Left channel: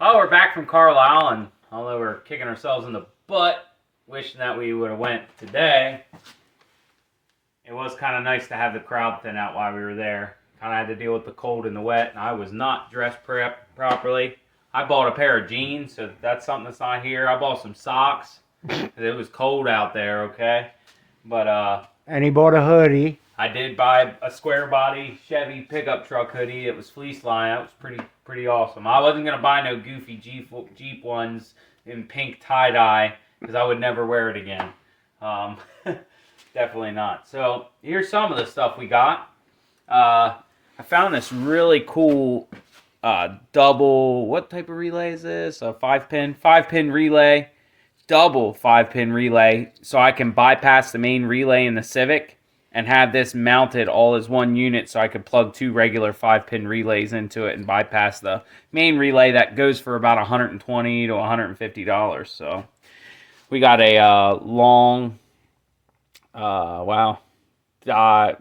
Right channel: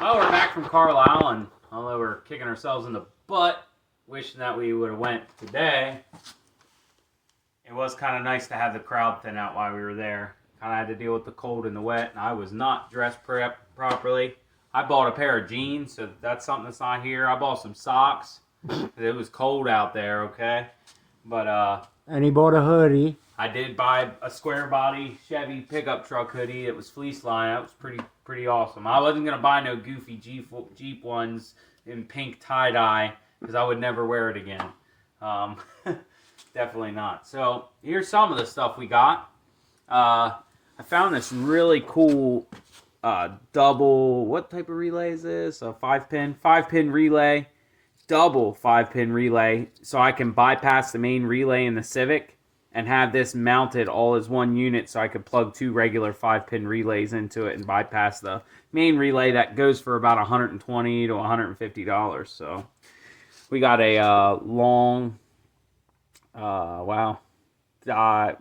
Oh, we're back from Carlisle, and although we're kicking ourselves in the butt, wishing that we would have went today, it was kind of nice to have the crowd thin out while we were there. Kind of had to deal with the cold and the wet, and I was not dressed properly. I bought a pair of jeans, so that's something that's not here. I bought some socks, because it was cold out there, okay? But, And he bought a hoodie. I did buy a square body Chevy pickup truck hoodie. It was fleece line. That was pretty awesome. I wasn't gonna buy no goofy Jeep ones in pink tie dye because I would never wear it again. Definitely not. So here's some of the stuff we got. I found this really cool double. What type of relay is this? A five pin relay, double 5-pin relay, so I can bypass the main relay in the Civic and have this mounted all as one unit so I could plug 2 regular 5-pin relays into it and bypass the main relay that goes for about $120 to $150. So we got a long, die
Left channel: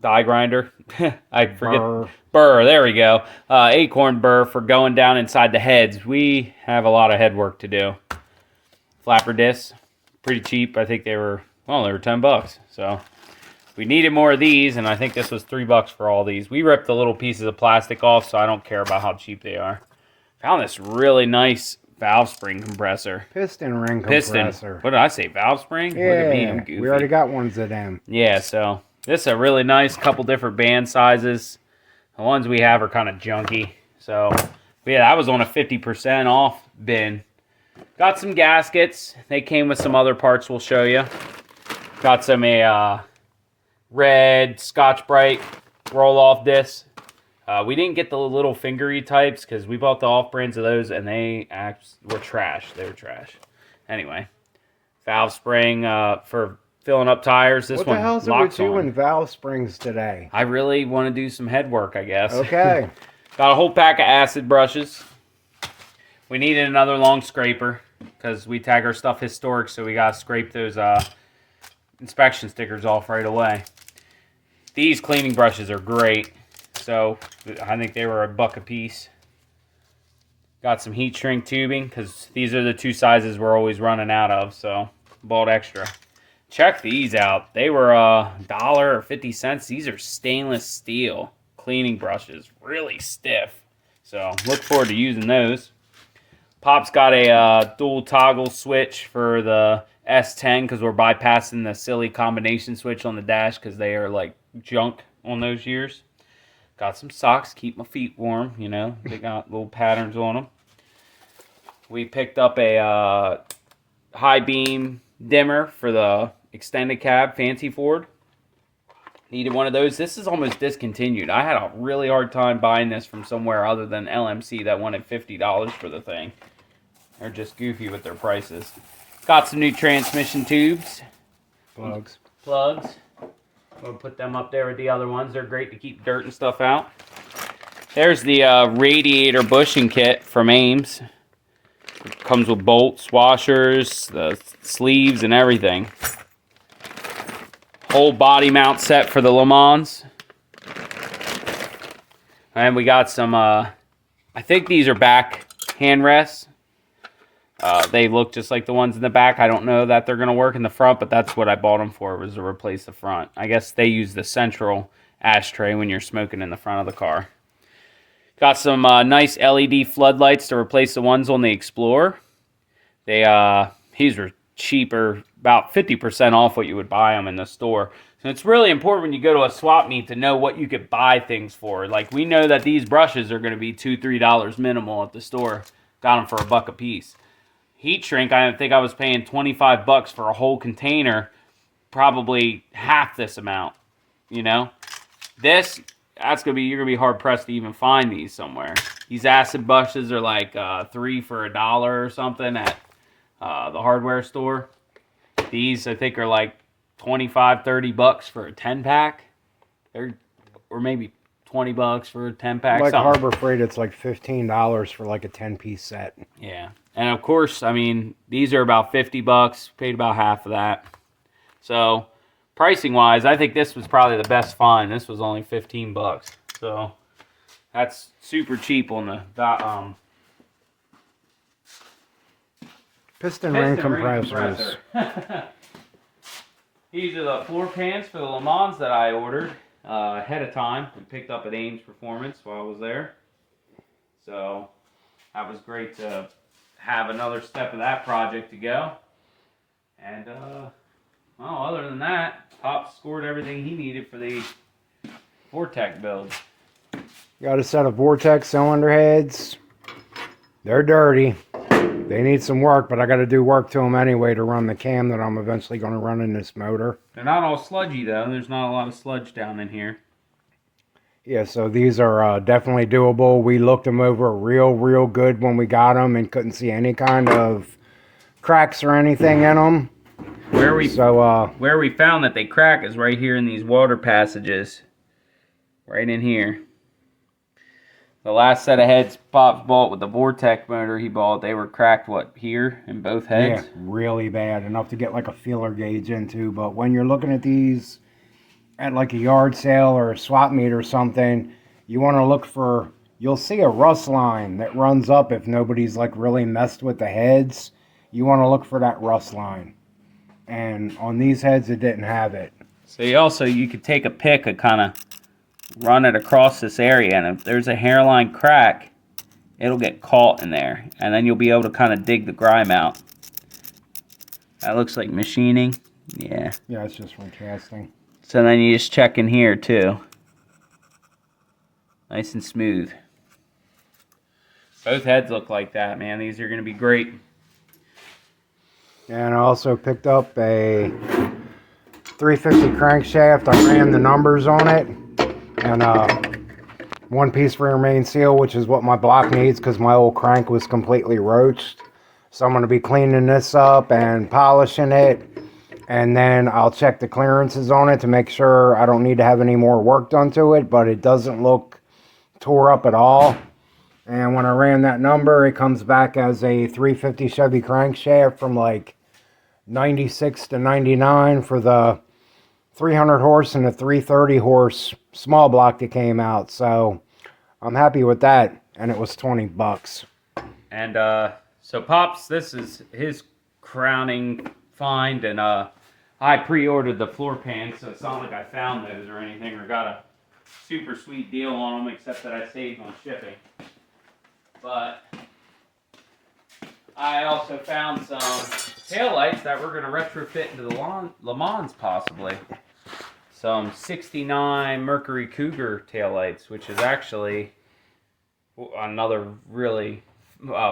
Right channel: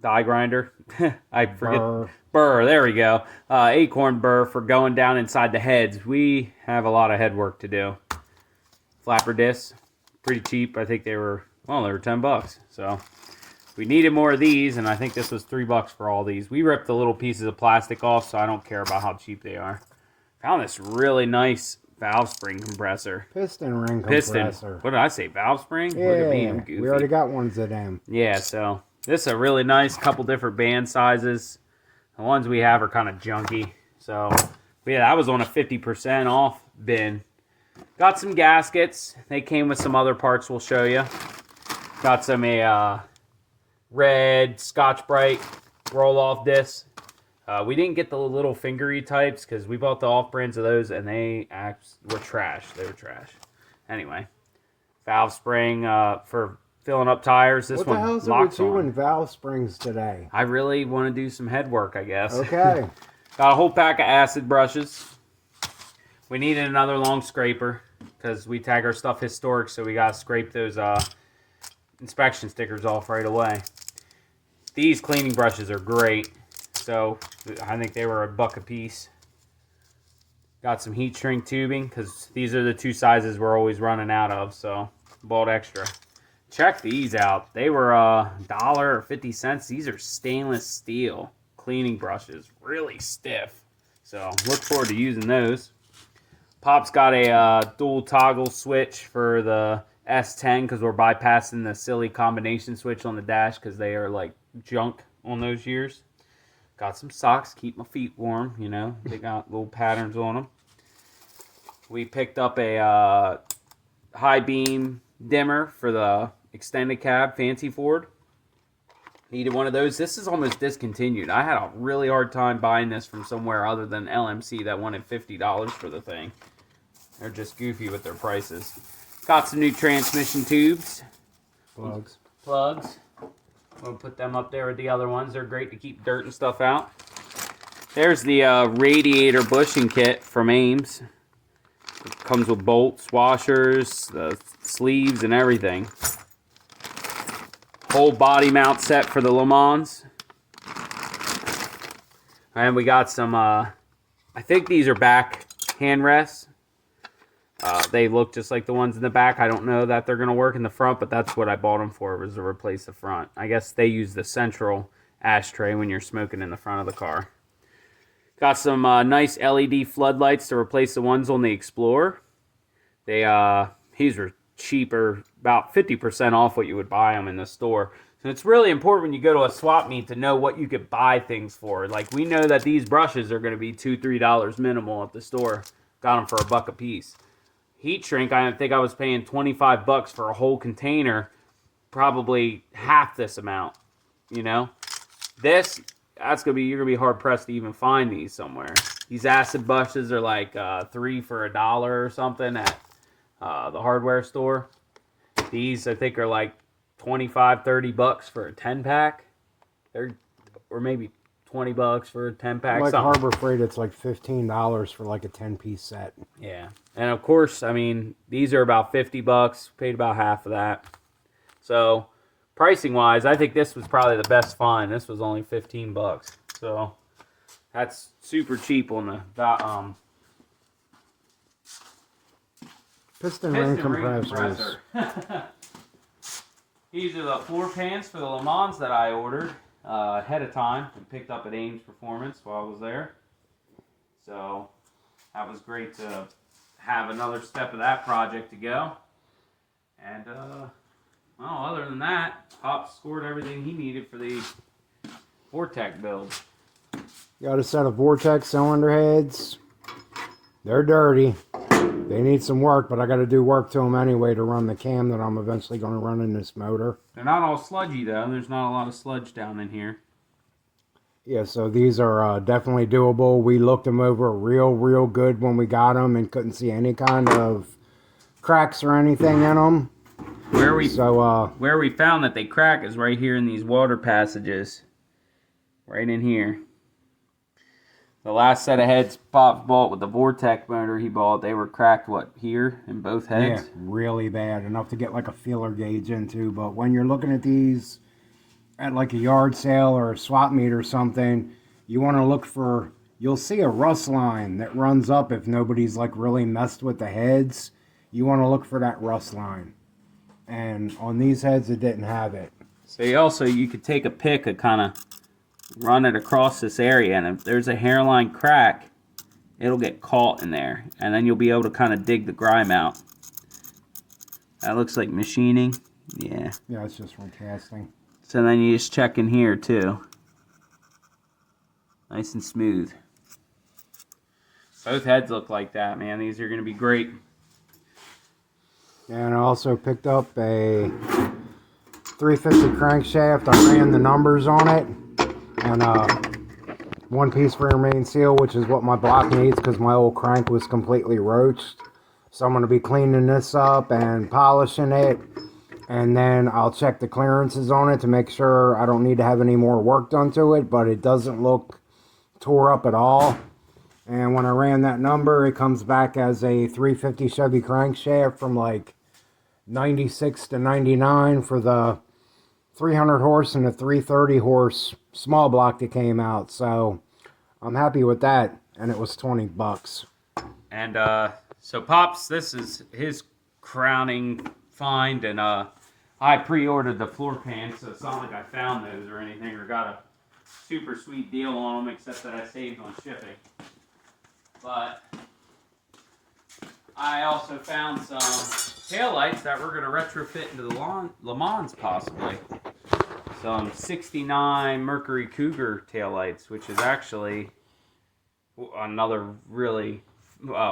grinder. I forget. Burr, there we go. Acorn burr for going down inside the heads. We have a lot of head work to do. Flapper discs, pretty cheap. I think they were $10. So we needed more of these, and I think this was $3 for all these. We ripped the little pieces of plastic off, so I don't care about how cheap they are. Found this really nice valve spring compressor. Piston ring compressor. What did I say, valve spring? Yeah, look at me, I'm goofy. We already got ones of them. Yeah, so this is a really nice couple different band sizes. The ones we have are kind of junky. So, yeah, I was on a 50% off bin. Got some gaskets. They came with some other parts we'll show you. Got some red Scotch-Brite roll-off discs. We didn't get the little fingery types because we bought the off-brands of those and they were trash. They were trash. Anyway, valve spring for filling up tires. This what one the hell's it with you and valve springs today? I really want to do some head work, I guess. Okay. Got a whole pack of acid brushes. We needed another long scraper because we tag our stuff historic, so we got to scrape those inspection stickers off right away. These cleaning brushes are great, so I think they were $1 a piece. Got some heat shrink tubing because these are the 2 sizes we're always running out of, so bought extra. Check these out. They were $1 or 50 cents. These are stainless steel cleaning brushes, really stiff. So look forward to using those. Pop's got a dual toggle switch for the S10 because we're bypassing the silly combination switch on the dash because they are like junk on those years. Got some socks, keep my feet warm, you know. They got little patterns on them. We picked up a high beam dimmer for the extended cab Fancy Ford. Needed one of those. This is almost discontinued. I had a really hard time buying this from somewhere other than LMC that wanted $50 for the thing. They're just goofy with their prices. Got some new transmission tubes. Plugs. We'll put them up there with the other ones. They're great to keep dirt and stuff out. There's the radiator bushing kit from Ames. It comes with bolts, washers, the sleeves, and everything. Whole body mount set for the Le Mans. And we got some, I think these are back hand rests. They look just like the ones in the back. I don't know that they're going to work in the front, but that's what I bought them for, was to replace the front. I guess they use the central ashtray when you're smoking in the front of the car. Got some nice LED floodlights to replace the ones on the Explorer. These were cheaper, about 50% off what you would buy them in the store. So it's really important when you go to a swap meet to know what you could buy things for. Like, we know that these brushes are going to be $2-3 minimal at the store. Got them for $1 a piece. Heat shrink, I think I was paying $25 for a whole container, probably half this amount, you know? You're gonna be hard pressed to even find these somewhere. These acid brushes are like 3 for $1 or something at the hardware store. These I think are like $25-30 for a 10-pack. Or maybe $20 for a 10-pack. Like Harbor Freight, it's like $15 for like a 10-piece set. Yeah. And of course, I mean, these are about $50. Paid about half of that. So, pricing wise, I think this was probably the best find. This was only $15. So, that's super cheap on the Piston ring compressors. These are the floor pans for the Le Mans that I ordered ahead of time. We picked up at Ames Performance while I was there. So that was great to have another step of that project to go. And, well, other than that, Pop scored everything he needed for the Vortec build. Got a set of Vortex cylinder heads. They're dirty. They need some work, but I got to do work to them anyway to run the cam that I'm eventually going to run in this motor. They're not all sludgy, though. There's not a lot of sludge down in here. Yeah, so these are definitely doable. We looked them over real good when we got them and couldn't see any kind of cracks or anything in them. Where we found that they crack is right here in these water passages. Right in here. The last set of heads Pop bought with the Vortec motor he bought, they were cracked, what, here in both heads? Yeah, really bad. Enough to get like a feeler gauge into. But when you're looking at these at like a yard sale or a swap meet or something, you want to look for, you'll see a rust line that runs up if nobody's like really messed with the heads. You want to look for that rust line. And on these heads, it didn't have it. So you could take a pick and kind of run it across this area, and if there's a hairline crack, it'll get caught in there, and then you'll be able to kind of dig the grime out. That looks like machining. Yeah, it's just from casting. So then you just check in here too. Nice and smooth. Both heads look like that, man. These are going to be great. And I also picked up a 350 crankshaft. I ran the numbers on it. And one piece rear main seal, which is what my block needs because my old crank was completely roached. So I'm going to be cleaning this up and polishing it. And then I'll check the clearances on it to make sure I don't need to have any more work done to it. But it doesn't look tore up at all. And when I ran that number, it comes back as a 350 Chevy crankshaft from like 96 to 99 for the 300 horse and the 330 horse small block that came out. So I'm happy with that. And it was $20. And so Pops, this is his crowning find. And I pre-ordered the floor pans, so it's not like I found those or anything or got a super sweet deal on them, except that I saved on shipping. But I also found some taillights that we're going to retrofit into the Le Mans possibly. Some 69 Mercury Cougar taillights, which is actually another really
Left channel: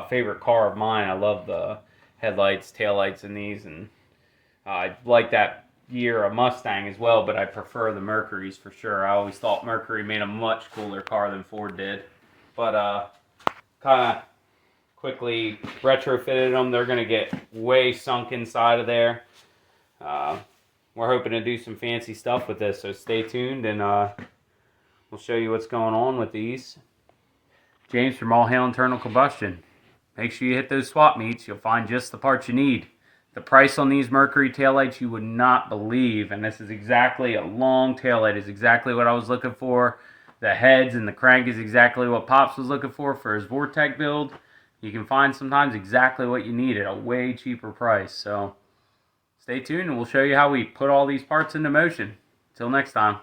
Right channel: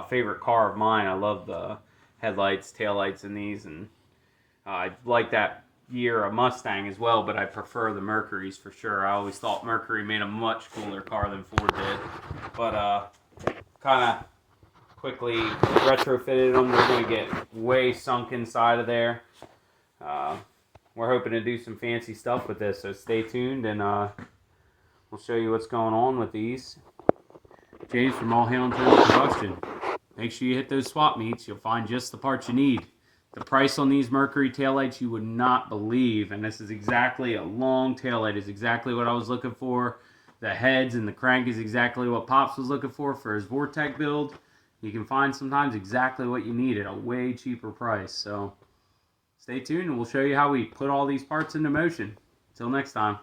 favorite car of mine. I love the headlights, taillights in these, and I like that year a Mustang as well, but I prefer the Mercurys for sure. I always thought Mercury made a much cooler car than Ford did. But kind of quickly retrofitted them. They're going to get way sunk inside of there. We're hoping to do some fancy stuff with this, so stay tuned, and we'll show you what's going on with these. James from All Hail Internal Combustion. Make sure you hit those swap meets. You'll find just the parts you need. The price on these Mercury taillights you would not believe, and this is exactly a long taillight. Is exactly what I was looking for. The heads and the crank is exactly what Pops was looking for his Vortec build. You can find sometimes exactly what you need at a way cheaper price. So stay tuned and we'll show you how we put all these parts into motion. Until next time.